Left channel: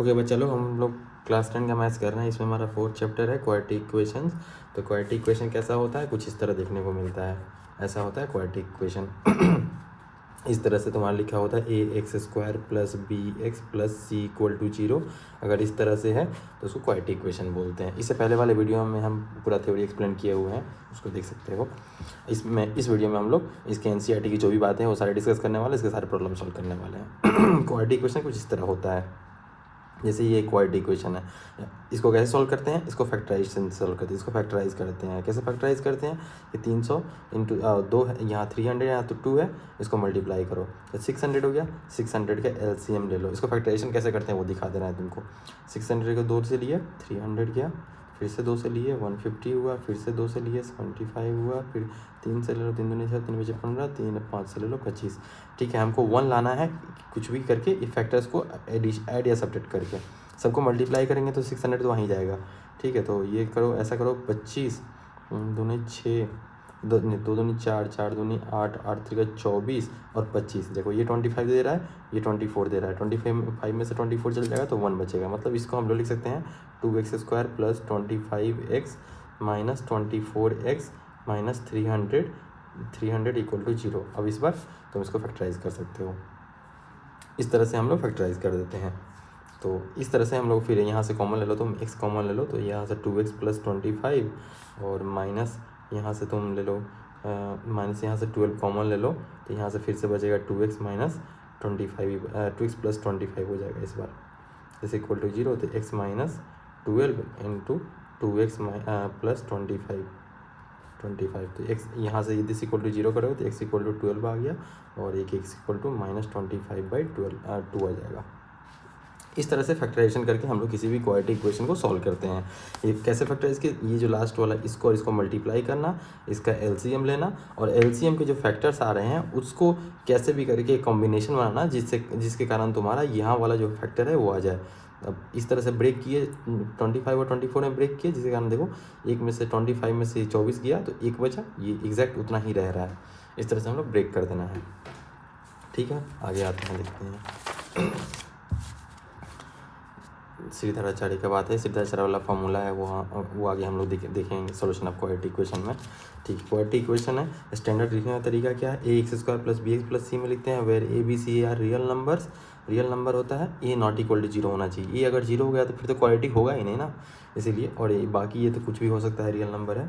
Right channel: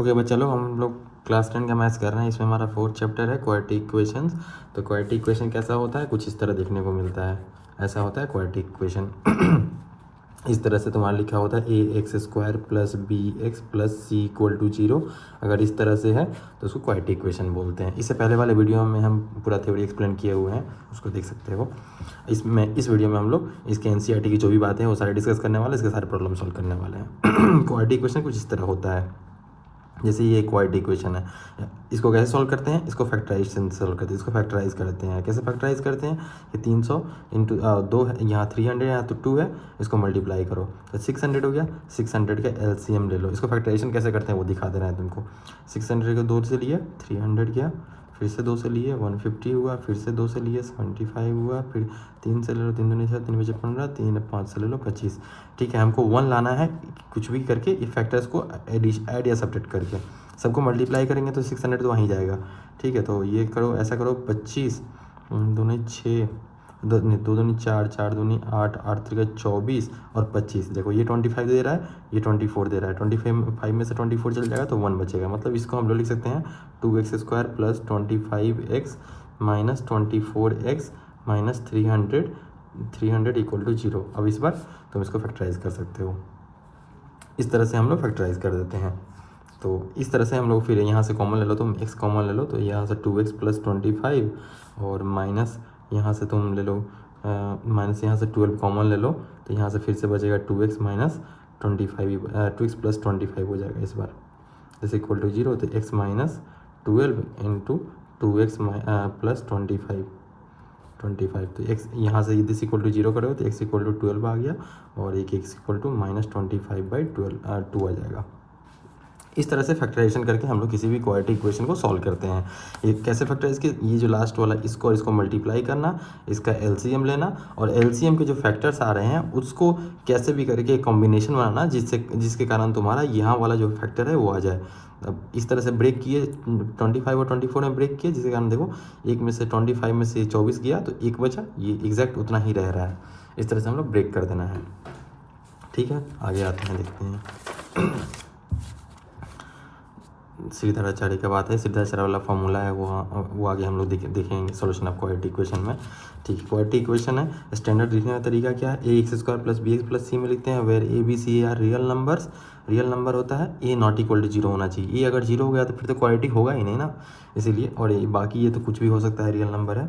Okay बस चलो हम लोग क्लास 10 का मैथ्स कर रहे हैं। इसमें हमारा 4th चैप्टर है क्वाड्रेटिक इक्वेशंस। तो क्वाड्रेटिक इक्वेशन कैसा होता है, कुछ इस तरह देखने को मिलता है। ऐसा होता है क्वाड्रेटिक इक्वेशन। इस तरह से तुम्हारा लिखा होता है A X square plus B X plus C equal to 0। अगर इस तरह से है तो उसको क्वाड्रेटिक इक्वेशन बोलते हैं। इससे पहले वाले वीडियो में हम पूरा थ्योरी एक्सप्लेन किए हुए हैं, उसको देख सकते हो। इस वीडियो में हम लोग इसके एनसीईआरटी की जो भी बातें हैं वो सारे डिस्कस करने वाले, इसके सारे प्रॉब्लम सॉल्व करने वाले हैं। क्वाड्रेटिक इक्वेशन कुछ इस तरह होता है, जैसे ये क्वाड्रेटिक इक्वेशन है, इसको कैसे सॉल्व करते हैं, इसको फैक्टराइजेशन से सॉल्व करते हैं, इसको फैक्टराइज करते हैं। कैसे फैक्टराइज करते हैं, ये 300 इंटू 2 है, यहाँ 300 यहाँ तो 2 है, इसको मल्टीप्लाई करो तो 600 हो गया। 600 का एलसीएम ले लो। इसको फैक्टराइजेशन कैसे करते हैं वो दिखा दे रहे हैं तुमको। 600 को 2 से लिए 300 किया, फिर से 2 से लिए 150 हुआ, फिर से 2 से लिए 75 हुआ, फिर 3 से ले लो 3 दूनी 6, 3 बजे 15, 3 5 से ले लो 25। ठीक है, हमको 1 लाना है कुछ भी करके फैक्टर्स को ऐड या सब्ट्रैक्ट करके। सबको मल्टीप्लाई करेंगे तो 600 तो वहीं जाएगा। ठीक है, तो ये करो, ऐसा करो 25 दूनी 6, 2 दूनी 4, 4 दूनी 8, 8 त्रिका 24 और 25। देखो ये 25 दे रहा है, ये 24 दे रहा है। 25 में से 24 चल जाएगा तो 1 बचेगा। मतलब इसको हम लोग लिख सकते हैं 2x square plus 25x minus 24x minus 300 equal to 0। अब इस बार तुम इसको फैक्टराइज कर सकते हो। इस तरह से हम लोग फैक्टराइज कर देते हैं। तो इस तरह से हम लोग फिर यहाँ से कॉमन ले लो, तुम x कॉमन ले लो तो यहाँ से 2x प्लस 25 और माइनस यहाँ से तुम ले लो माइनस यहाँ से 12 कॉमन ले लो तो यहाँ से फिर से बचेगा 2x माइनस 25 2x प्लस 25 हो जाएगा इस बार, जैसे इक्वल टू 0। तो x minus 12 into 2x plus 25 तो x यहाँ से दिस इक्वल टू 0 करोगे तो x इक्वल टू 12 आ गया और एक x इक्वल टू माइनस 25/12 2 आ जाएगा। इस तरह से फैक्टराइजेशन करके हम लोग किसी भी क्वाड्रेटिक इक्वेशन को सॉल्व करते हैं। ये कैसे फैक्टराइज के, ये जो लास्ट वाला इसको और इसको मल्टीप्लाई करना, इसका एलसीएम लेना और एलसीएम के जो फैक्टर्स आ रहे हैं उसको कैसे भी करके कॉम्बिनेशन बनाना जिसके कारण तुम्हारा यहाँ वाला जो फैक्टर है वो आ जाए। अब इस तरह से ब्रेक किए 25 और 24 में ब्रेक किए, जिसके कारण देखो एक में से 25 में से 24 गया तो एक बचा, ये एग्जैक्ट उतना ही रह रहा है। इस तरह से हम लोग ब्रेक कर देना है। ठीक है, आगे आते हैं, देखते हैं। श्रीधराचार्य का बात है, श्रीधराचार्य वाला फॉर्मूला है वो आगे हम लोग देखेंगे सॉल्यूशन ऑफ क्वाड्रेटिक इक्वेशन में। ठीक है, क्वाड्रेटिक इक्वेशन है, स्टैंडर्ड लिखने का तरीका क्या है, A X square plus B X plus C में लिखते हैं where A B C are real numbers. Real number होता है ए नॉट इक्वल टू 0 होना चाहिए। ए अगर 0 हो गया तो फिर तो क्वाड्रेटिक होगा ही नहीं ना, इसीलिए। और ये बाकी ये तो कुछ भी हो सकता है, रियल नंबर है,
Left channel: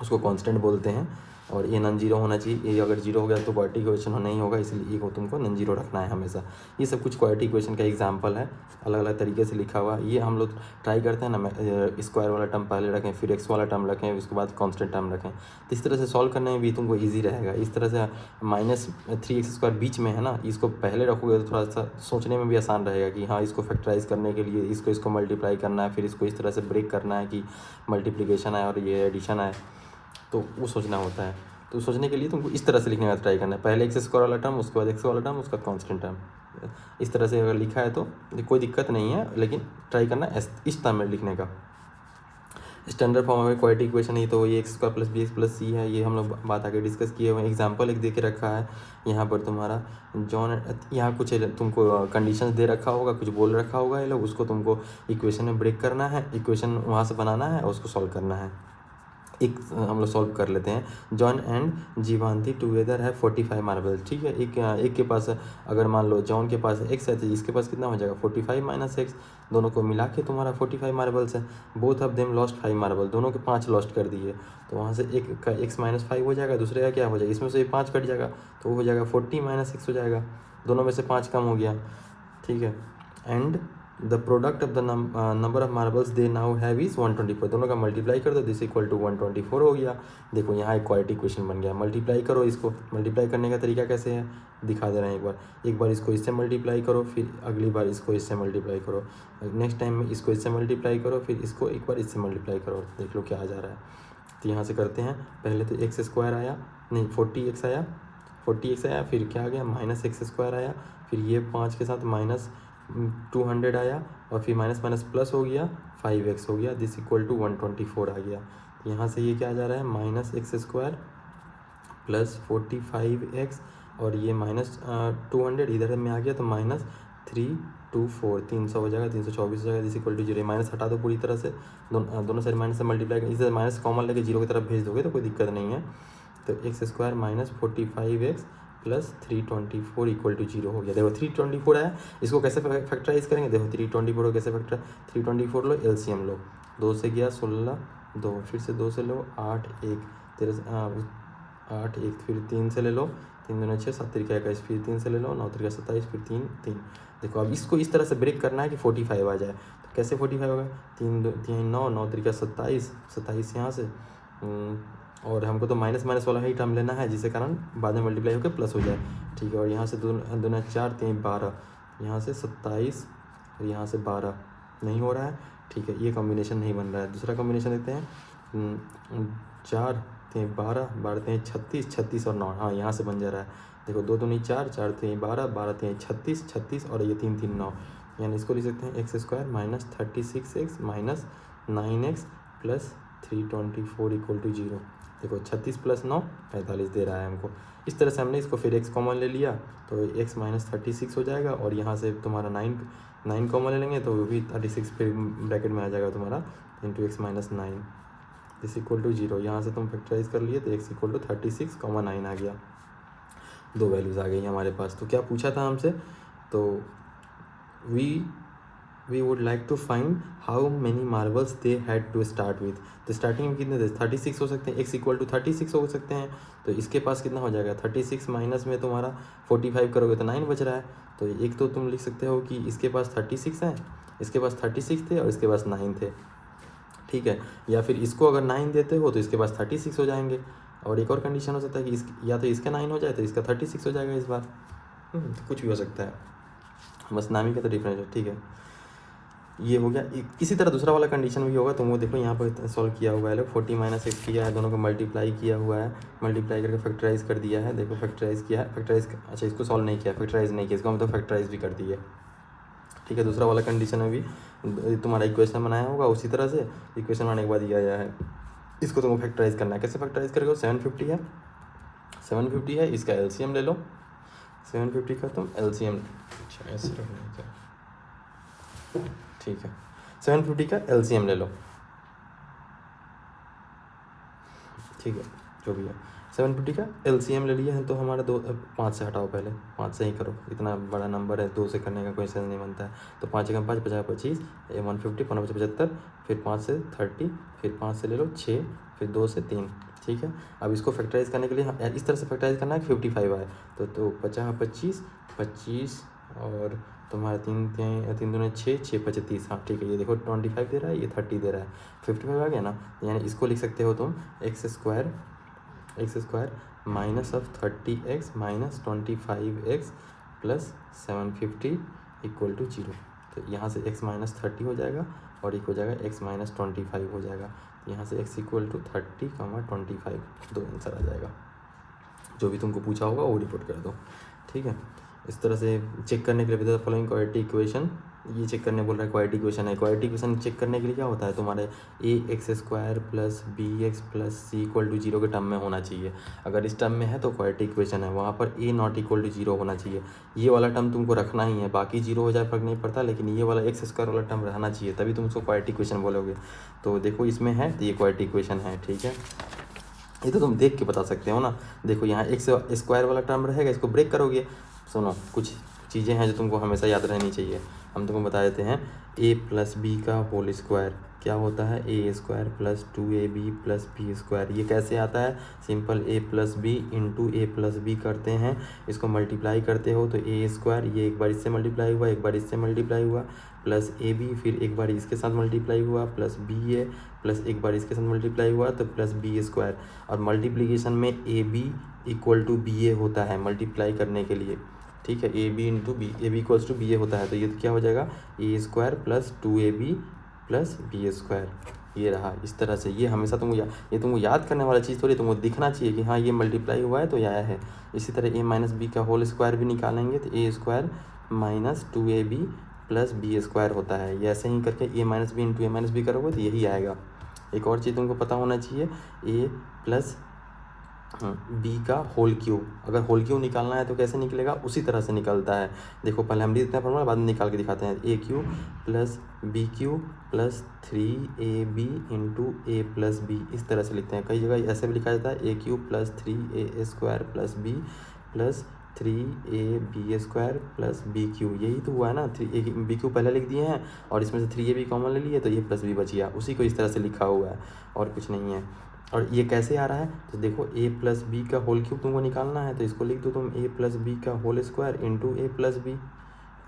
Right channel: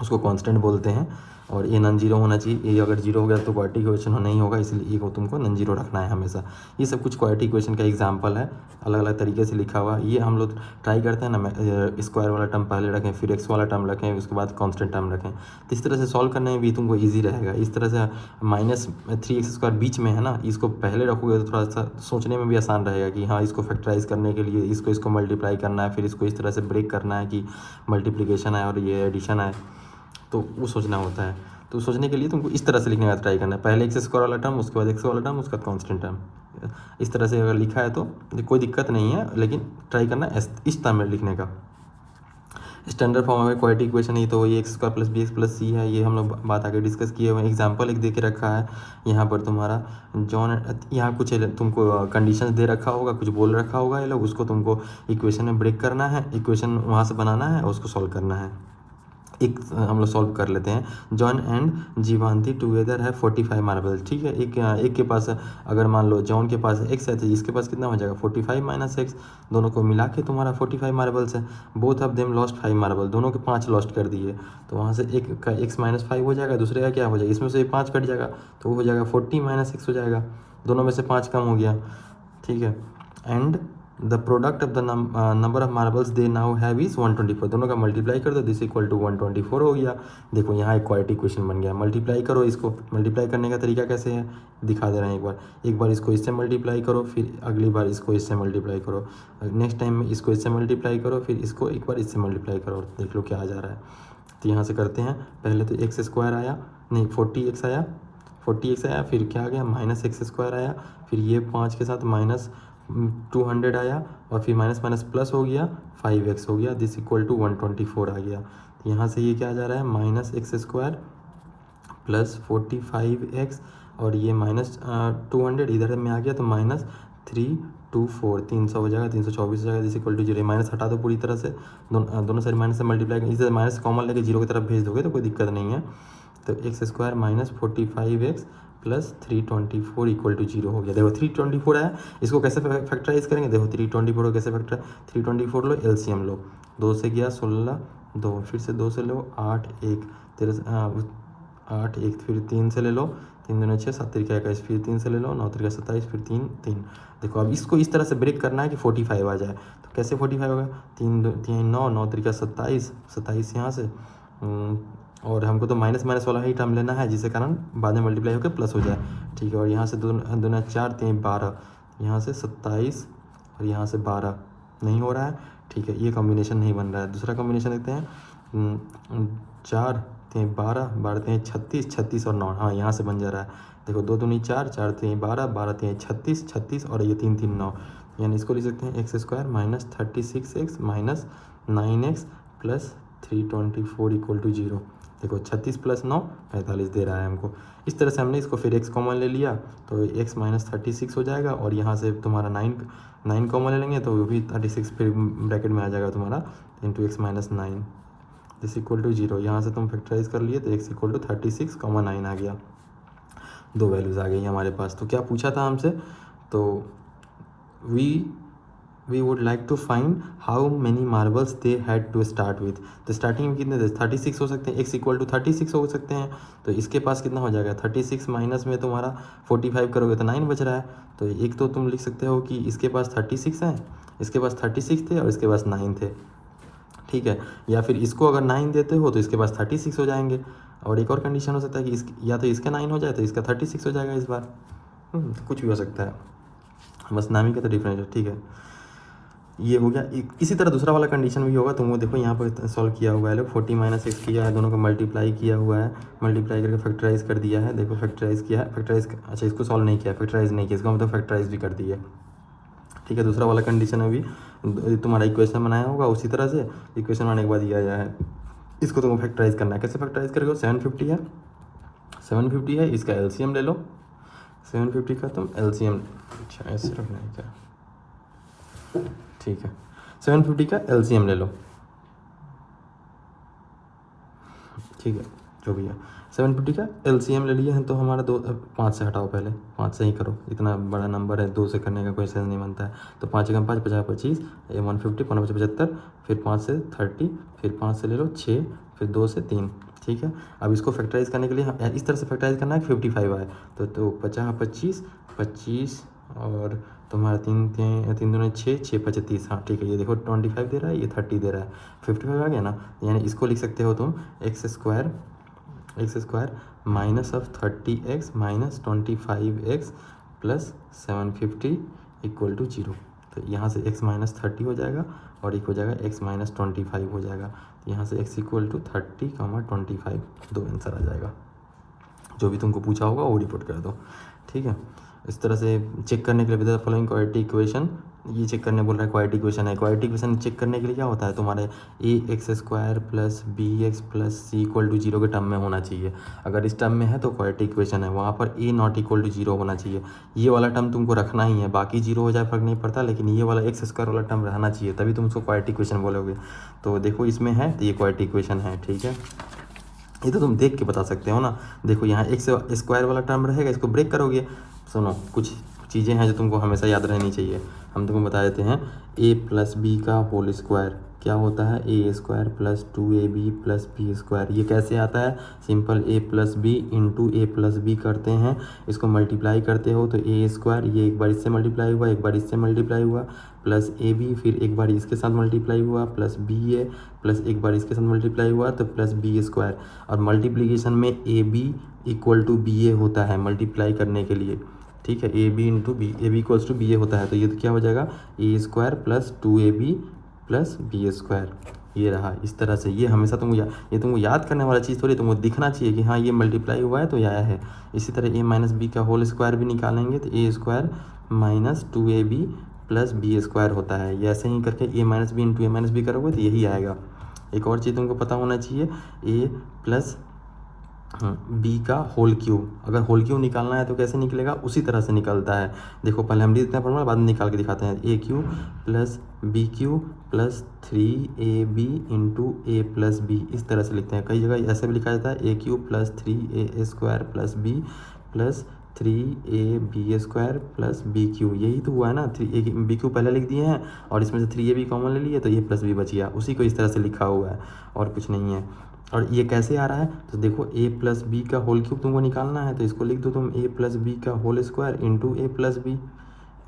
उसको कांस्टेंट बोलते हैं। और ये नॉन जीरो होना चाहिए, ए अगर 0 हो गया तो क्वाड्रेटिक इक्वेशन नहीं होगा, इसलिए ए को तुमको नॉन जीरो रखना है हमेशा। ये सब कुछ क्वाड्रेटिक इक्वेशन का एग्जांपल है, अलग अलग तरीके से लिखा हुआ। ये हम लोग ट्राई करते हैं ना, स्क्वायर वाला टर्म पहले रखें, फिर एक्स वाला टर्म रखें, उसके बाद कांस्टेंट टर्म रखें। तो इस तरह से सॉल्व करने में भी तुमको ईजी रहेगा। इस तरह से -3x² बीच में है ना, इसको पहले रखोगे तो थोड़ा सा सोचने में भी आसान रहेगा कि हाँ इसको फैक्टराइज करने के लिए इसको मल्टीप्लाई करना है, फिर इसको इस तरह से ब्रेक करना है कि मल्टीप्लिकेशन आए और ये एडिशन आए, तो वो सोचना होता है। तो सोचने के लिए तुमको इस तरह से लिखने का ट्राई करना है, पहले एक्स स्क्वायर वाला टर्म, उसके बाद एक्स वाला टर्म, उसका कांस्टेंट टर्म। इस तरह से अगर लिखा है तो कोई दिक्कत नहीं है, लेकिन ट्राई करना इस टर्म में लिखने का। स्टैंडर्ड फॉर्म में क्वाड्रेटिक इक्वेशन ही तो ये X square plus B X plus C है, ये हम लोग बात आगे डिस्कस किए हुए। एग्जाम्पल एक दे के रखा है यहाँ पर तुम्हारा जॉन, यहाँ कुछ तुमको कंडीशंस दे रखा होगा, कुछ बोल रखा होगा ये लोग, उसको तुमको इक्वेशन में ब्रेक करना है, इक्वेशन वहाँ से बनाना है और उसको सॉल्व करना है। एक हम लोग सॉल्व कर लेते हैं। जॉन एंड जीवांती टुगेदर है 45 मार्बल। ठीक है, एक के पास अगर मान लो जॉन के पास x है तो इसके पास कितना हो जाएगा 45 माइनस x, दोनों को मिला के तुम्हारा 45 मार्बल्स है। Both of them lost 5 marble, दोनों के 5 लॉस्ट कर दिए, तो वहाँ से एक का x माइनस 5 हो जाएगा, दूसरे का क्या हो जाएगा, इसमें से 5 कट जाएगा तो हो जाएगा 40 माइनस x हो जाएगा, दोनों में से 5 कम हो गया। ठीक है, and the product of the number of marbles they now have is 124, दोनों का मल्टीप्लाई कर दो, दिस इक्वल टू 124 हो गया। देखो यहाँ एक क्वाड्रेटिक इक्वेशन बन गया। मल्टीप्लाई करो, इसको मल्टीप्लाई करने का तरीका कैसे है दिखा दे रहे हैं। एक बार इसको इससे मल्टीप्लाई करो, फिर अगली बार इसको इससे मल्टीप्लाई करो, नेक्स्ट टाइम में इसको इससे मल्टीप्लाई करो, फिर इसको एक बार इससे मल्टीप्लाई करो, देख लो क्या आ जा रहा है। तो यहाँ से करते हैं, पहले तो एक्स स्क्वायर आया, नहीं 40x आया, 40x आया, फिर क्या आ गया माइनस एक्स स्क्वायर आया, फिर ये 5 के साथ माइनस 200 आया और फिर माइनस माइनस प्लस हो गया 5x हो गया, दिस इक्वल टू 124 आ गया। तो यहाँ से ये क्या आ जा रहा है minus x square plus 45x और ये माइनस 200 इधर में आ गया तो माइनस 324 300 हो जाएगा, 324 हो जाएगा, इज इक्वल टू 0। माइनस हटा दो पूरी तरह से, दोनों साइड माइनस से मल्टीप्लाई, इसे माइनस कॉमन लेके 0 की तरफ भेज दोगे तो कोई दिक्कत नहीं है। तो x square minus 45x plus 324 equal to 0 हो गया। देखो 324 है, इसको कैसे फैक्टराइज करेंगे, देखो 324 को कैसे फैक्टर, 324 लो, एलसीएम लो, 2 से गया 16, 2 फिर से 2 से लो 8 1 8 1 फिर 3 से ले लो, 3 दूनी 6 7 3 21 फिर 3 से ले लो, 9 3 27 फिर 3 3। देखो अब इसको इस तरह से ब्रेक करना है कि 45 आ जाए। तो कैसे 45 होगा, 3 9 9 3 27 27 यहाँ से, और हमको तो माइनस माइनस वाला ही टर्म लेना है, जिसके कारण बाद में मल्टीप्लाई होकर प्लस हो जाए। ठीक है, और यहाँ से 2 2 4 3 12, यहाँ से 27 और यहाँ से 12 नहीं हो रहा है। ठीक है, ये कॉम्बिनेशन नहीं बन रहा है। दूसरा कॉम्बिनेशन देखते हैं, 4 3 12 12 3 36 36 और 9, हाँ यहाँ से बन जा रहा है। देखो 2 दूनी 4 4 3 12 12 3 36 36 और ये 3 3 9, यानी इसको लिख सकते हैं x square minus 36x minus 9x plus 324 equal to 0। देखो 36 प्लस 9 45 दे रहा है हमको। इस तरह से हमने इसको फिर x कॉमन ले लिया तो x माइनस 36 हो जाएगा, और यहाँ से तुम्हारा 9 कॉमन ले लेंगे तो वो भी 36 फिर ब्रैकेट में आ जाएगा तुम्हारा इंटू एक्स माइनस 9 इस इक्वल टू 0। यहाँ से तुम फैक्टराइज कर लिए तो x इक्वल टू 36 कॉमन 9 आ गया, 2 वैल्यूज़ आ गई हमारे पास। तो क्या पूछा था हमसे, तो we would like to find how many marbles they had to start with। तो स्टार्टिंग में कितने थे, 36 हो सकते हैं, x इक्वल टू 36 हो सकते हैं। तो इसके पास कितना हो जाएगा, 36 माइनस में तुम्हारा 45 करोगे तो 9 बच रहा है। तो एक तो तुम लिख सकते हो कि इसके पास 36 है, इसके पास 36 थे और इसके पास 9 थे। ठीक है, या फिर इसको अगर 9 देते हो तो इसके पास 36 हो जाएंगे। और एक और कंडीशन हो सकता है कि या तो इसका 9 हो जाए तो इसका 36 हो जाएगा इस बार। कुछ भी हो सकता है, बस नाम ही का तो डिफरेंस है। ठीक है, ये हो गया। इसी तरह दूसरा वाला कंडीशन भी होगा। तुमको देखो यहाँ पर सॉल्व किया हुआ है, लोग 40 माइनस एक्स किया है, दोनों को मल्टीप्लाई किया हुआ है, मल्टीप्लाई करके फैक्टराइज कर दिया है। देखो फैक्टराइज किया है, फैक्टराइज, अच्छा इसको सॉल्व नहीं किया, फैक्टराइज नहीं किया, इसको मतलब फैक्टराइज भी कर दिया। ठीक है, दूसरा वाला कंडीशन अभी तुम्हारा इक्वेशन बनाया होगा, उसी तरह से इक्वेशन बनाने के बाद दिया गया है, इसको तुमको फैक्टराइज करना है। कैसे फैक्टराइज करोगे, 750 है, इसका एलसीएम ले लो, 750 का तुम एलसीएम, अच्छा ऐसे रखना क्या, ठीक है 750 का एलसीएम ले लो। ठीक है, जो भी है 750 का एलसीएम ले लिया है। तो हमारा 5 से हटाओ, पहले 5 से ही करो, इतना बड़ा नंबर है 2 से करने का कोई सेंस नहीं बनता है। तो 5 1 5 50 25 150 5 75, फिर 5 से 30, फिर 5 से ले लो 6, फिर 2 से 3। ठीक है, अब इसको फैक्टराइज करने के लिए इस तरह से फैक्टराइज करना है, 55 आए तो 50 25 25 और तुम्हारा 3 दूनी 6 6 25, हाँ ठीक है। ये देखो 25 दे रहा है, ये 30 दे रहा है, 55 आ गया ना। यानी इसको लिख सकते हो तुम x square minus of 30x minus 25x plus 750 equal to 0। तो यहाँ से x माइनस 30 हो जाएगा और एक हो जाएगा x माइनस 25 हो जाएगा। यहाँ से x इक्वल टू 30, 25 दो आंसर आ जाएगा। जो भी तुमको पूछा होगा वो रिपोर्ट कर दो। ठीक है, इस तरह से चेक करने के लिए बता फॉलोइंग क्वाड्रेटिक इक्वेशन, ये चेक करने बोल रहा है क्वाड्रेटिक इक्वेशन है। क्वाड्रेटिक इक्वेशन चेक करने के लिए क्या होता है, तुम्हारे ax² plus bx plus c equal to 0 के टर्म में होना चाहिए। अगर इस टर्म में है तो क्वाड्रेटिक इक्वेशन है, वहाँ पर a नॉट इक्वल टू 0 होना चाहिए। ये वाला टर्म तुमको रखना ही है, बाकी 0 हो जाए फर्क नहीं पड़ता, लेकिन ये वाला x² वाला टर्म रहना चाहिए, तभी तुम उसको क्वाड्रेटिक इक्वेशन बोलोगे। तो देखो इसमें है तो ये क्वाड्रेटिक इक्वेशन है। ठीक है, ये तो तुम देख के बता सकते हो ना। देखो यहाँ x² वाला टर्म रहेगा, इसको ब्रेक करोगे। सुनो, कुछ चीज़ें हैं जो तुमको हमेशा याद रहनी चाहिए, हम तुमको बता देते हैं। a प्लस बी का होल स्क्वायर क्या होता है, a² plus 2ab plus b²। ये कैसे आता है, simple a plus B into A plus b करते हैं, इसको मल्टीप्लाई करते हो तो a², ये एक बार इससे मल्टीप्लाई हुआ, एक बार इससे मल्टीप्लाई हुआ, प्लस ab, फिर एक बार इसके साथ मल्टीप्लाई हुआ, प्लस ba, प्लस एक बार इसके साथ मल्टीप्लाई हुआ तो प्लस b²। और मल्टीप्लीकेशन में ab इक्वल टू ba होता है मल्टीप्लाई करने के लिए। ठीक है, ab into b, ab equals to ba होता है, तो ये तो क्या हो जाएगा a² plus 2ab plus b²। ये रहा इस तरह से। ये हमेशा ये तुमको याद करने वाला चीज़ थोड़ी, तुमको दिखना चाहिए कि हाँ ये मल्टीप्लाई हुआ है तो यह आया है। इसी तरह a माइनस बी का होल स्क्वायर भी निकालेंगे तो a² minus 2ab plus b² होता है। ये ऐसे ही करके a minus B into a minus b करोगे तो यही आएगा। एक और चीज़ तुमको पता होना चाहिए, a प्लस बी का होल क्यूब, अगर होल क्यूब निकालना है तो कैसे निकलेगा, उसी तरह से निकलता है। देखो पहले हम लिखते हैं फॉर्मूला, बाद में निकाल के दिखाते हैं। A cube plus B cube plus 3ab into A plus B, इस तरह से लिखते हैं। कई जगह ऐसे भी लिखा जाता है A cube plus 3a² plus B plus 3ab² plus B cube, यही तो हुआ है ना। 3ab पहले लिख दिए हैं और इसमें से 3ab कॉमन ले लिए तो ए प्लस बी बच गया, उसी को इस तरह से लिखा हुआ है और कुछ नहीं है। और ये कैसे आ रहा है, तो देखो ए प्लस बी का होल क्यूब तुमको निकालना है, तो इसको लिख दो तुम ए प्लस बी का होल स्क्वायर इंटू ए प्लस बी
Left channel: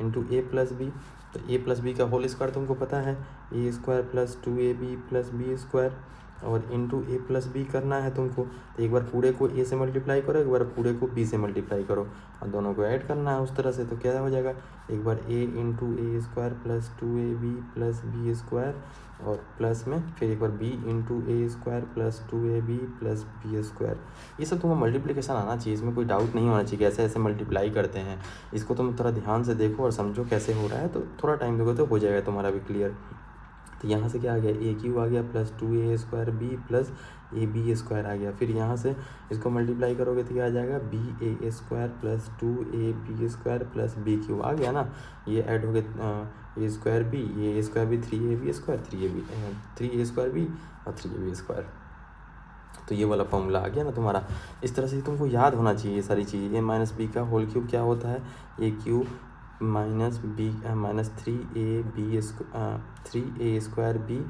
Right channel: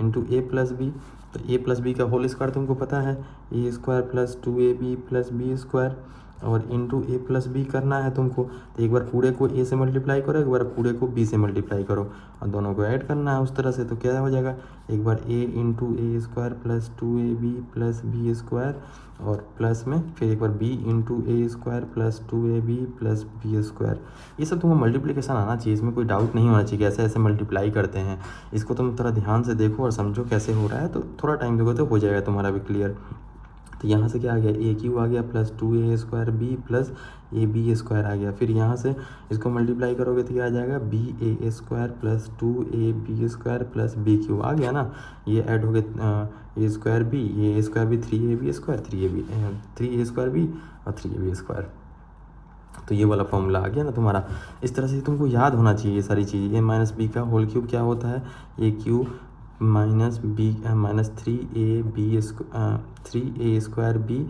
इंटू ए प्लस बी। तो ए प्लस बी का होल स्क्वायर तुमको पता है A square plus 2ab plus B square, और इंटू ए प्लस बी करना है तुमको। तो एक बार पूरे को ए से मल्टीप्लाई करो, एक बार पूरे को बी से मल्टीप्लाई करो, और दोनों को ऐड करना है उस तरह से। तो क्या हो जाएगा, एक बार A into A square plus 2ab plus B square, और प्लस में फिर एक बार B into A square plus 2ab plus B square. ये सब तुमको मल्टीप्लिकेशन आना चाहिए, इसमें कोई डाउट नहीं होना चाहिए कैसे ऐसे मल्टीप्लाई करते हैं। इसको तुम थोड़ा ध्यान से देखो और समझो कैसे हो रहा है, तो थोड़ा टाइम देखो तो हो जाएगा तुम्हारा भी क्लियर। तो यहाँ से क्या आ गया, ए क्यू आ गया plus 2a² B plus ab² आ गया। फिर यहाँ से इसको मल्टीप्लाई करोगे तो क्या आ जाएगा, ba² plus 2ab² plus B cube आ गया ना। ये ऐड हो गया a² बी, ये a² B 3ab² 3a² B और 3ab²। तो ये वाला फॉर्मूला आ गया ना तुम्हारा। इस तरह से तुमको याद होना चाहिए ये सारी चीज़। ए माइनस बी का होल क्यूब क्या होता है, A cube minus B minus 3a² B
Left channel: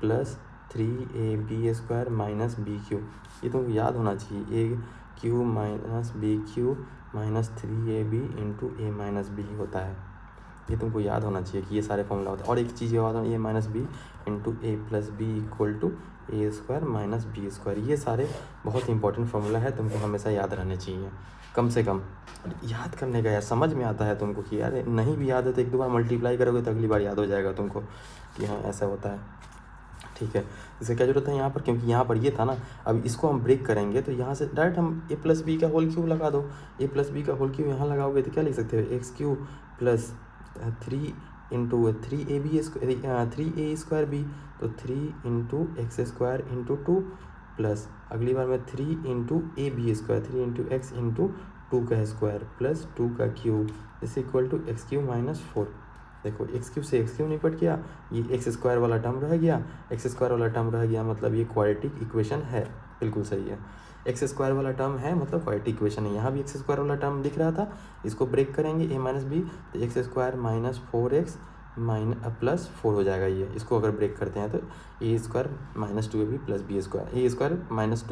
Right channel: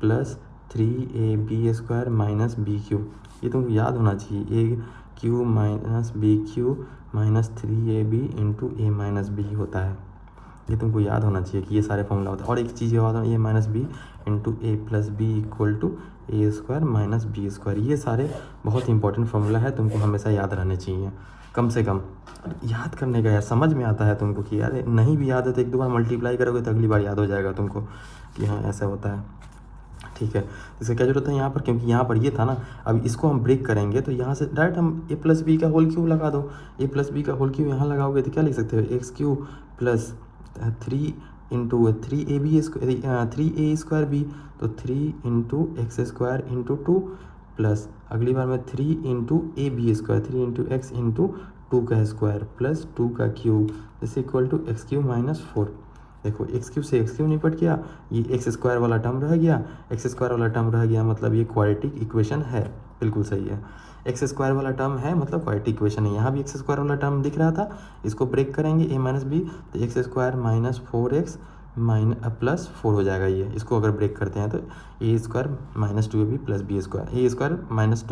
plus 3ab² minus B cube, ये तुमको याद होना चाहिए। A cube minus B cube minus 3ab into A minus B होता है, ये तुमको याद होना चाहिए कि ये सारे फॉर्मूला होता है। और एक चीज़ याद होना, A minus B into A plus B equal to a² minus b², ये सारे बहुत इंपॉर्टेंट फॉर्मूला है, तुमको हमेशा याद रहने चाहिए। कम से कम याद करने का यार, समझ में आता है तुमको कि यार नहीं भी याद है तो एक दो बार मल्टीप्लाई करोगे तो अगली बार याद हो जाएगा तुमको कि हाँ ऐसा होता है। ठीक है, इसका क्या जरूरत है यहाँ पर, क्योंकि यहाँ पर ये था ना। अब इसको हम ब्रेक करेंगे तो यहाँ से डायरेक्ट हम ए प्लस बी का होल क्यूब लगा दो। ए प्लस बी का होल क्यूब यहाँ लगाओगे तो क्या लिख सकते हो, x³ plus 3 into 3a² B, तो 3 इंटू x² इंटू 2 प्लस अगली बार में 3 into ab², 3 into x into 2 का स्क्वायर प्लस 2 का क्यूब इस इक्वल टू x³ माइनस 4। देखो x³ से x³ निपट गया, ये x² वाला टर्म रह गया, x² वाला टर्म रह गया, मतलब ये क्वाड्रेटिक इक्वेशन है, बिल्कुल सही है। x² वाला टर्म है मतलब क्वाड्रेटिक इक्वेशन है। यहाँ भी x² वाला टर्म दिख रहा था, इसको ब्रेक करेंगे a माइनस बी, तो x² माइनस 4x प्लस 4 हो जाएगा। ये इसको अगर ब्रेक करते हैं तो a² minus 2ab plus b², a² minus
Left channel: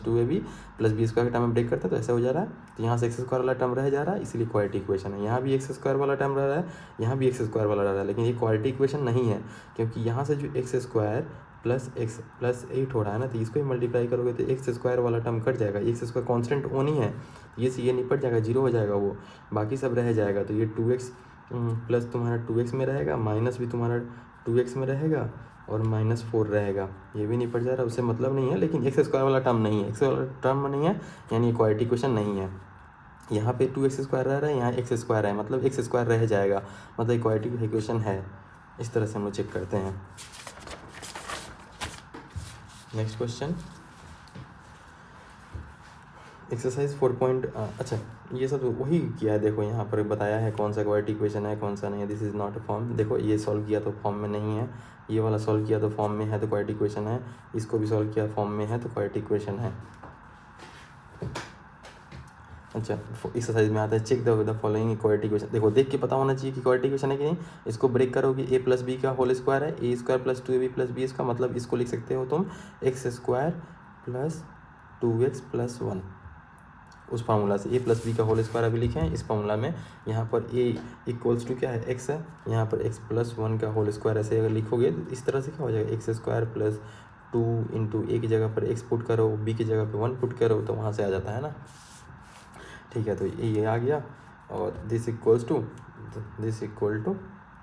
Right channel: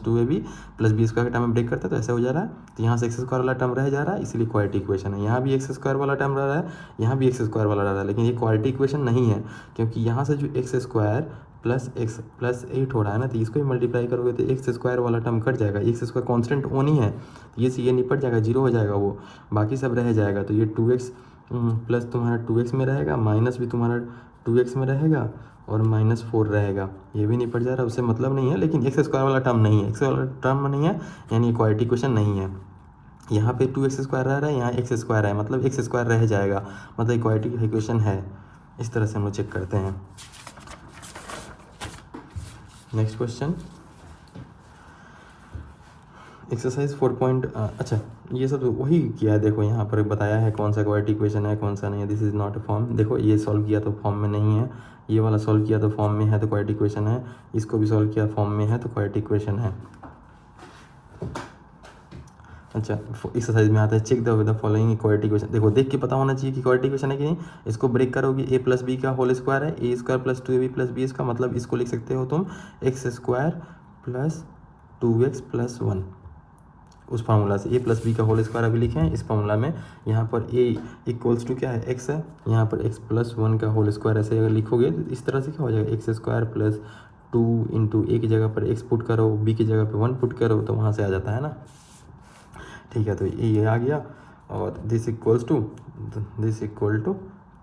2ab plus b² का टर्म ब्रेक करते हैं तो ऐसे हो जा रहा है। तो यहाँ से x² वाला टर्म रह जा रहा है, इसलिए क्वाड्रेटिक इक्वेशन है। यहाँ भी x² वाला टर्म रह रहा है, यहाँ भी x² वाला रह रहा है, लेकिन ये क्वाड्रेटिक इक्वेशन नहीं है, क्योंकि यहाँ से जो x² प्लस x प्लस 8 हो रहा है ना, तो इसको ही मल्टीप्लाई करोगे तो x² वाला टर्म कट जाएगा। x² कॉन्स्टेंट ओन ही है, ये से ये निपट जाएगा, जीरो हो जाएगा वो, बाकी सब रह जाएगा। तो ये 2x प्लस तुम्हारा 2x में रहेगा, माइनस भी तुम्हारा 2x में रहेगा, और माइनस 4 रहेगा, ये भी निपट जा रहा है, उससे मतलब नहीं है। लेकिन x² वाला टर्म नहीं है, x वाला टर्म नहीं है, यानी क्वाड्रेटिक इक्वेशन नहीं है। यहाँ पे 2x² रह रहा है, यहाँ x² है, मतलब x² रह जाएगा, मतलब क्वाड्रेटिक इक्वेशन है। इस तरह से हम लोग चेक करते हैं। नेक्स्ट क्वेश्चन, एक्सरसाइज 4 अच्छा ये सब वही किया है। देखो यहाँ पर बताया है कौन सा क्वाड्रेटिक इक्वेशन है कौन सा नहीं है। This is not a form, देखो ये सॉल्व किया तो फॉर्म में नहीं है, ये वाला सॉल्व किया तो फॉर्म में है तो क्वाड्रेटिक इक्वेशन है, इसको भी सॉल्व किया फॉर्म में है तो क्वाड्रेटिक इक्वेशन है। अच्छा एक्सरसाइज में आता है, check the following quadratic equation. देखो देख के पता होना चाहिए कि क्वाड्रेटिक इक्वेशन है कि नहीं। इसको ब्रेक करोगे, ए प्लस बी का होल स्क्वायर है, a² plus 2ab plus b का मतलब इसको लिख सकते हो तुम x² प्लस 2x प्लस 1, उस फार्मूला से। ए प्लस बी का होल स्क्वायर अभी लिखे हैं इस फार्मूला में। यहाँ पर a इक्वल्स टू क्या है, x है, यहाँ पर x प्लस 1 का होल स्क्वायर ऐसे अगर लिखोगे तो इस तरह से क्या हो जाएगा, x² प्लस 2 इंटू ए की जगह पर x पुट करो, b की जगह पर 1 पुट करो, तो वहाँ से आ जाता है ना। ठीक है, तो ये आ गया, और this equal to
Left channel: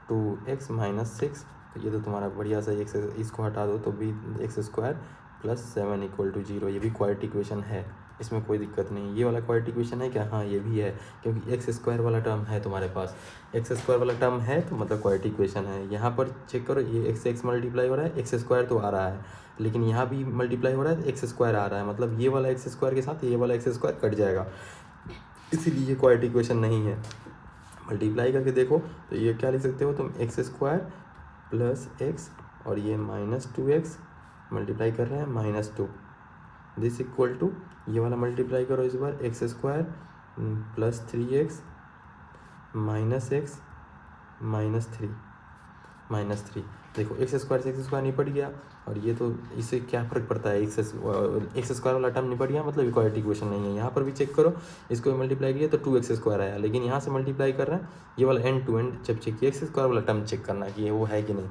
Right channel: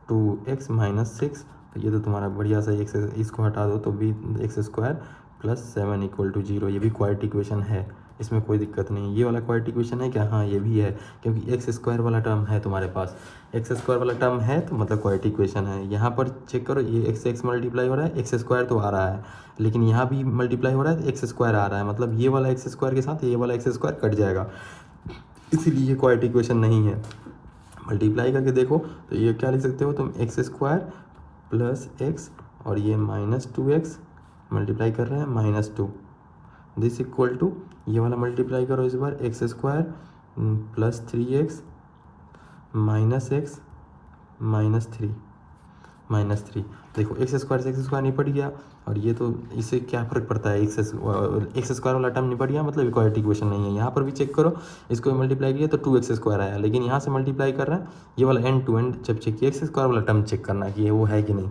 2x minus 6, तो ये तो तुम्हारा बढ़िया सा x, इसको हटा दो तो b x² plus 7 equal to 0, ये भी क्वाड्रेटिक इक्वेशन है। इसमें कोई दिक्कत नहीं। ये वाला क्वाड्रेटिक इक्वेशन है क्या? हाँ ये भी है, क्योंकि एक्स स्क्वायर वाला टर्म है तुम्हारे पास, एक्स स्क्वायर वाला टर्म है तो मतलब क्वाड्रेटिक इक्वेशन है। यहाँ पर चेक करो, ये एक्स एक्स मल्टीप्लाई हो रहा है, एक्स स्क्वायर तो आ रहा है, लेकिन यहाँ भी मल्टीप्लाई हो रहा है तो एक्स स्क्वायर आ रहा है, मतलब ये वाला एक्स स्क्वायर के साथ ये वाला एक्स स्क्वायर कट जाएगा, इसीलिए ये क्वाड्रेटिक इक्वेशन नहीं है। मल्टीप्लाई करके देखो तो ये क्या लिख सकते हो तुम, एक्स स्क्वायर प्लस एक्स और ये माइनस 2x मल्टीप्लाई कर रहे हैं -2, दिस इक्वल टू ये वाला मल्टीप्लाई करो इस बार, X square plus 3x minus X minus three. देखो एक्स स्क्वायर से एक्स स्क्वायर निपट गया, और ये तो इससे क्या फ़र्क पड़ता है, एक्स स्क्वायर वाला टर्म निपट गया, मतलब इक्वालिटी इक्वेशन नहीं है। यहाँ पर भी चेक करो, इसको मल्टीप्लाई किया तो 2x स्क्वायर आया, लेकिन यहाँ से मल्टीप्लाई कर रहा है ये वाला एंड टू एंड जब चेक किया एक्स स्क्वायर वाला टर्म चेक करना कि ये वो है कि नहीं।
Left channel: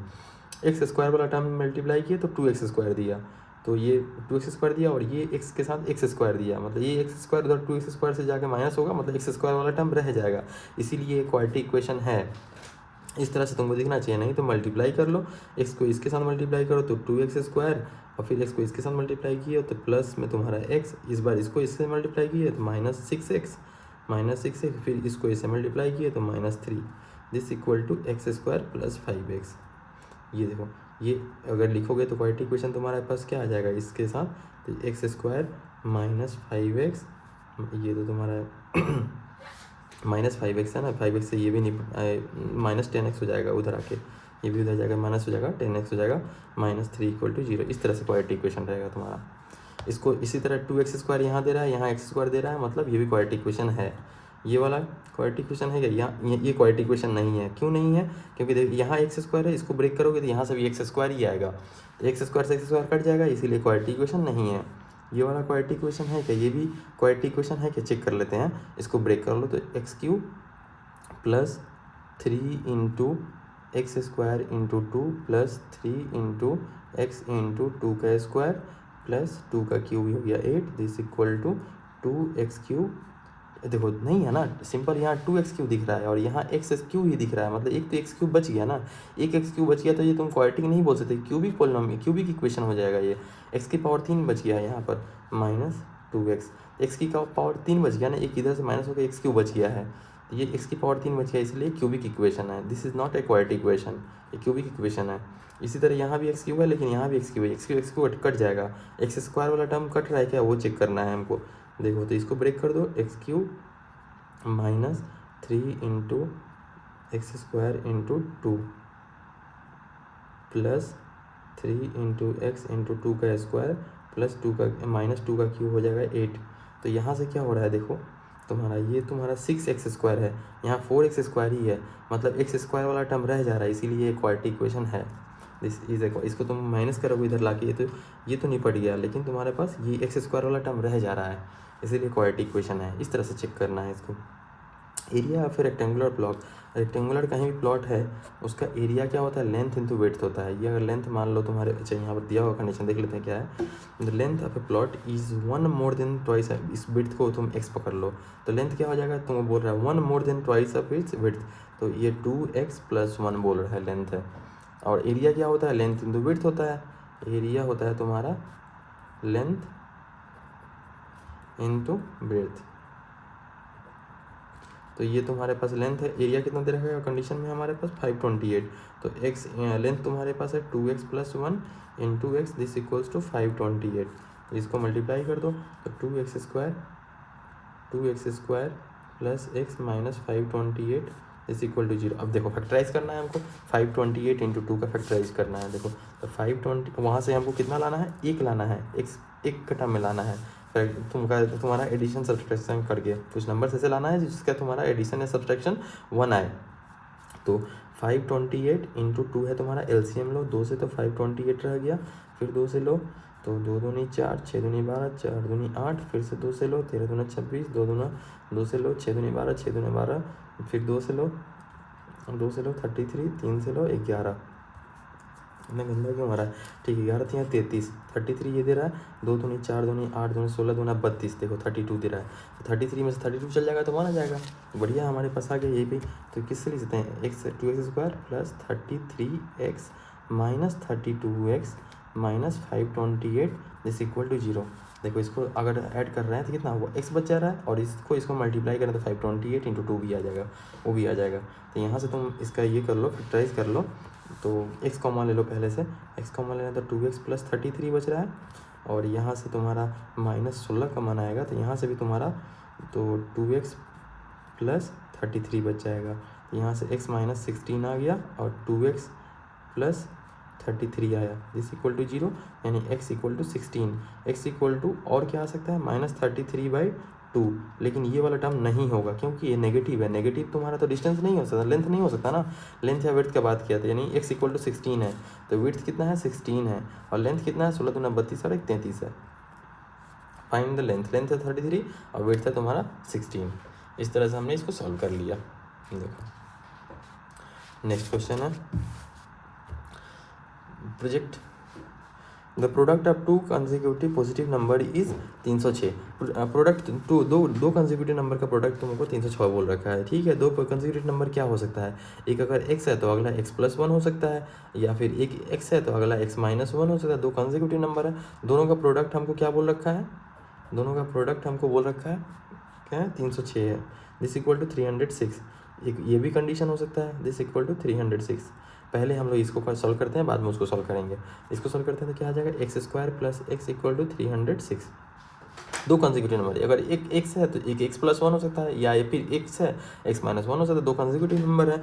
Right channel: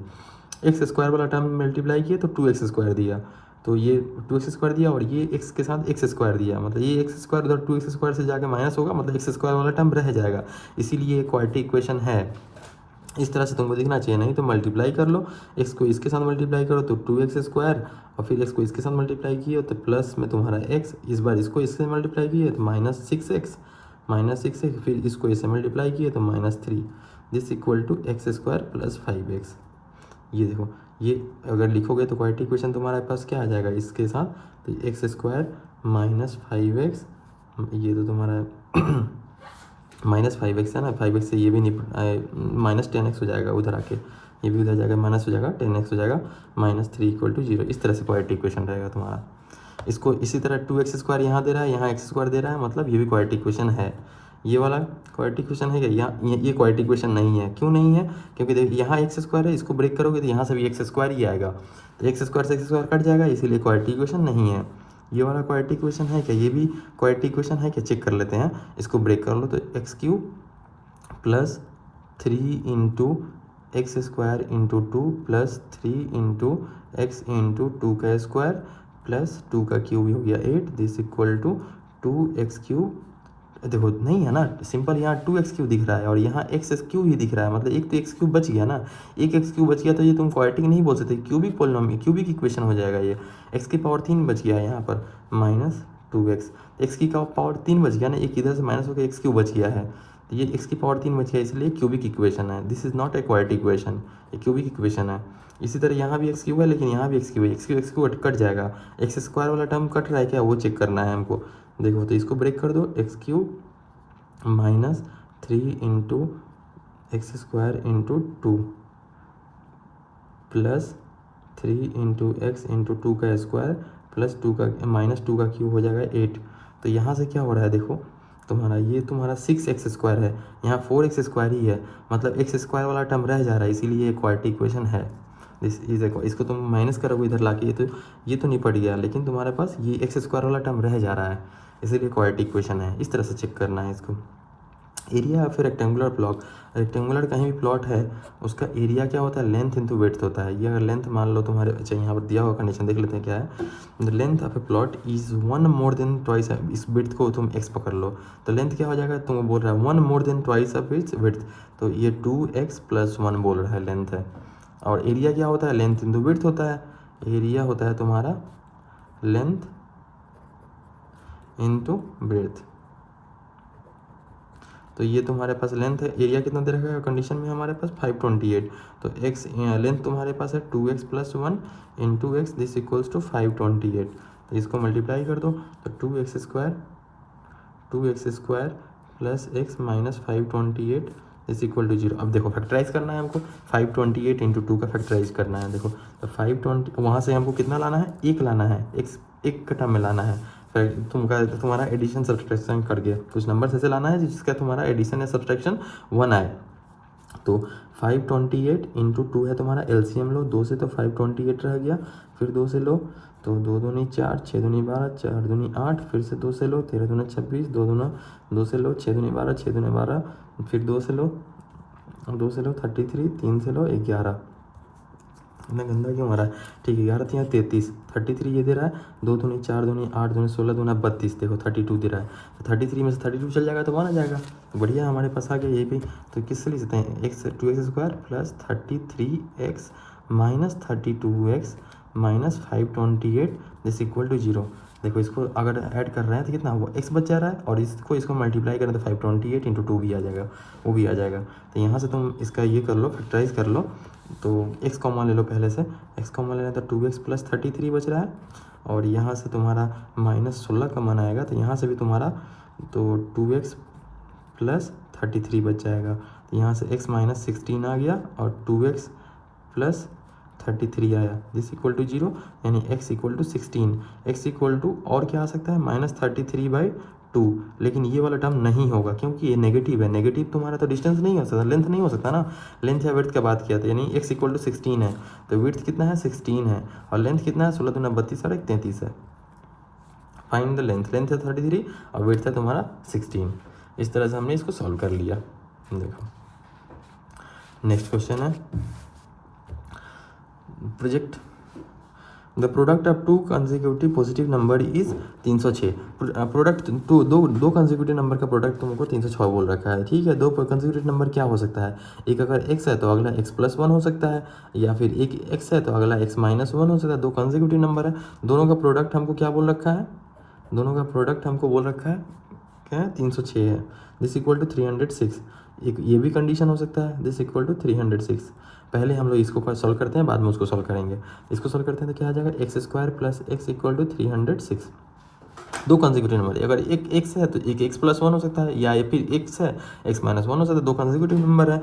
एक्स स्क्वायर वाला टर्म मल्टीप्लाई किया तो 2x स्क्वायर दिया, तो ये 2x स्क्वायर दिया और ये x के साथ x स्क्वायर दिया, मतलब ये x स्क्वायर उधर 2x स्क्वायर से जाके माइनस होगा, मतलब x स्क्वायर वाला टर्म रह जाएगा, इसीलिए क्वाड्रेटिक इक्वेशन है। इस तरह से तुमको दिखना चाहिए, नहीं तो मल्टीप्लाई कर लो, x को इसके साथ मल्टीप्लाई करो तो 2x स्क्वायर, और फिर x को इसके साथ मल्टीप्लाई किया तो प्लस में तुम्हारा x, इस बार इसको इससे मल्टीप्लाई किया तो -6x, फिर इसको इससे मल्टीप्लाई किया तो -3, this equal to x square plus 5x। ये देखो, ये अगर लिखोगे तो क्वाड्रेटिक इक्वेशन तुम्हारे पास क्या आ जाएगा इसके साथ, तो एक्स स्क्वायर माइनस 5x, ये तो तुम्हारा -5x है ना, 5x से ये भी नहीं -10x हो जाएगा, उधर आके ये भी उधर जाएगा माइनस हो जाएगा, 10x हो जाएगा, -3 = 0। इस तरह से क्वाड्रेटिक इक्वेशन रहेगा तुम्हारा। इसको इसी तरह 2x स्क्वायर यहाँ दे रहा है, यहाँ x स्क्वायर दे रहा है, मतलब ये भी क्वाड्रेटिक इक्वेशन है। ये वाला क्वाड्रेटिक इक्वेशन है क्या? ये क्वाड्रेटिक इक्वेशन नहीं है। क्यों नहीं है? क्योंकि देखिए यहाँ एक्स स्क्वायर है, इसको ब्रेक करोगे तो यहाँ से भी एक्स स्क्वायर ही आएगा, तो एक्स स्क्वायर से एक्स स्क्वायर कट जाएगा, इसीलिए क्वाड्रेटिक इक्वेशन नहीं है। ये वाला क्वाड्रेटिक इक्वेशन है क्या? ये भी क्वाड्रेटिक इक्वेशन है क्या? चेक कर लेते हैं, इसको ब्रेक कर लो तो x³ plus 3 into x square into 2 plus 3 into x into 2 का स्क्वायर प्लस 2 का क्यूब हो गया 8, दिस इक्वल टू 2x³। देखो नहीं है ना, सिंपल यहाँ 2x³ दिख रहा है और यहाँ x³ ही दिख रहा है, मतलब एक तो x³ बच गया ना, एक x³ बच गया तो ये तुम क्वाड्रेटिक नहीं बोल सकते, क्यूबिक इक्वेशन हो जाएगा ये। x की पावर 3 बच गया यहाँ पर -2x, x की पावर 3 बच गया ना, एक इधर से माइनस होकर x³ बच गया है, तो ये x की पावर 3 बच गया, इसलिए क्यूबिक इक्वेशन है। This is not a quadratic equation, ये क्यूबिक इक्वेशन है। इसी तरह यहाँ भी x³ है, लेकिन यहाँ भी x³ है, x³ कट जाएगा, एक्स स्क्वायर वाला टर्म कट रहा है क्या, वो चेक करना है हमको। देखो तो इसको ब्रेक कर दो, x³ -3 into x square into 2 plus 3 into x into 2 का स्क्वायर प्लस 2 का -2 का क्यूब हो जाएगा 8। तो यहाँ से क्या हो रहा है देखो, तुम्हारा 6x स्क्वायर है, यहाँ 4x स्क्वायर ही है, मतलब एक्स स्क्वायर वाला टर्म रह जा रहा है, इसीलिए क्वाड्रेटिक इक्वेशन है। ये देखो, इसको तुम माइनस करोगे इधर लाके, ये तो निपट गया, लेकिन तुम्हारे पास ये एक्स स्क्वायर वाला टर्म रह जा रहा है, इसीलिए क्वाड्रेटिक इक्वेशन है। इस तरह से चेक करना है इसको। एरिया या फिर रेक्टेंगुलर ब्लॉक, रेक्टेंगुलर कहीं भी प्लॉट है उसका एरिया क्या होता है, लेंथ इंटू विड्थ होता है। ये अगर लेंथ मान लो तुम्हारे, अच्छा यहाँ पर दिया हुआ कंडीशन देख लेते हैं क्या है, the length of A plot is 1 more than twice, इस विड्थ को तुम x पकड़ लो तो लेंथ क्या हो जाएगा, तुम बोल रहा है 1 more than twice of its width, तो ये 2x + 1 बोल रहा है लेंथ है। और एरिया क्या होता है, लेंथ इंटू विड्थ होता है, एरिया होता है तुम्हारा लेंथ इंटू विड्थ। तो ये तुम्हारे पास लेंथ है, एरिया कितना दे रखा है कंडीशन में हमारे पास 528, तो x लेंथ तुम्हारे पास है 2x + 1 into x, this equals to 528। तो इसको मल्टीप्लाई कर दो तो 2x square plus x minus 528 is equal to 0। अब देखो फैक्टराइज करना है हमको, 528 इंटू 2 का फैक्टराइज करना है। देखो तो 520 वहाँ से हमको कितना लाना है, 1 लाना है, एक का टर्म में लाना है, तुम्हारा एडिशन सब्सट्रैक्शन करके कुछ नंबर ऐसे लाना है जिसका तुम्हारा एडिशन या सब्सट्रैक्शन 1 आए। तो 528 इंटू 2 है तुम्हारा, एलसीएम लो 2 से तो 528 रह गया, फिर 2 से लो तो 2 दूनी 4, 6 दूनी 12, 4 दूनी 8, फिर से 2 से लो 13 दूना 26, 2 से लो 6 दूनी 12, 6 दूनी 12, फिर 2 से लो 33, 3 से लो 11। मैं गंदा क्यों आ रहा है, ठीक है 11 यहाँ 33, 33 ये दे रहा है, 2 दूनी 4 दूनी 8 दूनी 16 दूना 32, देखो 32 दे रहा है, तो 33 में से 32 चल जाएगा तो वहाँ आ जाएगा, बढ़िया हमारे पास आ गया ये भी। तो किससे लिख सकते हैं, 2x square plus 33x minus 32x minus 528 this equal to 0। देखो इसको अगर ऐड कर रहे हैं तो कितना होगा, x बच जा रहा है, और इसको मल्टीप्लाई करें तो 528 इंटू 2 भी आ जाएगा, वो भी आ जाएगा। तो यहाँ से तुम इसका ये कर लो, फैक्टराइज कर लो। तो x कॉमन ले लो पहले से, x कॉमन लेना तो 2x प्लस 33 बच रहा है, और यहाँ से तुम्हारा माइनस 16 कॉमन आएगा, तो यहाँ से भी तुम्हारा तो 2x प्लस 33 बच जाएगा। तो यहाँ से x माइनस 16 आ गया और 2x प्लस 33 आया, दिस इक्वल टू 0, यानी x equal to 16। x equal to और क्या आ सकता है, माइनस 33/2, लेकिन ये वाला टर्म नहीं होगा क्योंकि ये नेगेटिव है। नेगेटिव तुम्हारा तो डिस्टेंस नहीं हो सकता, लेंथ नहीं हो सकता ना, लेंथ या विड्थ की बात किया था, यानी x इक्वल टू 16 है, तो विड्थ कितना है 16 है, और लेंथ कितना है 16 दूना 32 साढ़े 33 है। फाइंड द लेंथ, लेंथ है 33 और विड्थ है तुम्हारा 16। इस तरह से हमने इसको सॉल्व कर लिया। देखो नेक्स्ट क्वेश्चन है, project the product of to consecutive positive number is 306। Product दो कंसेक्यूटिव नंबर का प्रोडक्ट तुमको 306 बोल रखा है, ठीक है। दो कंसेक्यूटिव नंबर क्या हो सकता है, एक अगर x है तो अगला x प्लस 1 हो सकता है, या फिर एक x है तो अगला x माइनस 1 हो सकता है। दो कंसेक्यूटिव नंबर है, दोनों का प्रोडक्ट हमको क्या बोल रखा है, दोनों का प्रोडक्ट हमको बोल रखा है क्या है, 306 है, दिस इक्वल टू 306। एक ये भी कंडीशन हो सकता है, दिस इक्वल टू 306। पहले हम लोग इसको सॉल्व करते हैं, बाद में उसको सॉल्व करेंगे। इसको सॉल्व करते हैं तो क्या आ जाएगा, x square plus x equal to 306। दो कंसेक्यूटिव नंबर, अगर एक एक्स है तो एक एक्स प्लस 1 हो सकता है, या फिर एक्स है एक्स माइनस 1 हो सकता है, दो कंसेक्यूटिव नंबर है,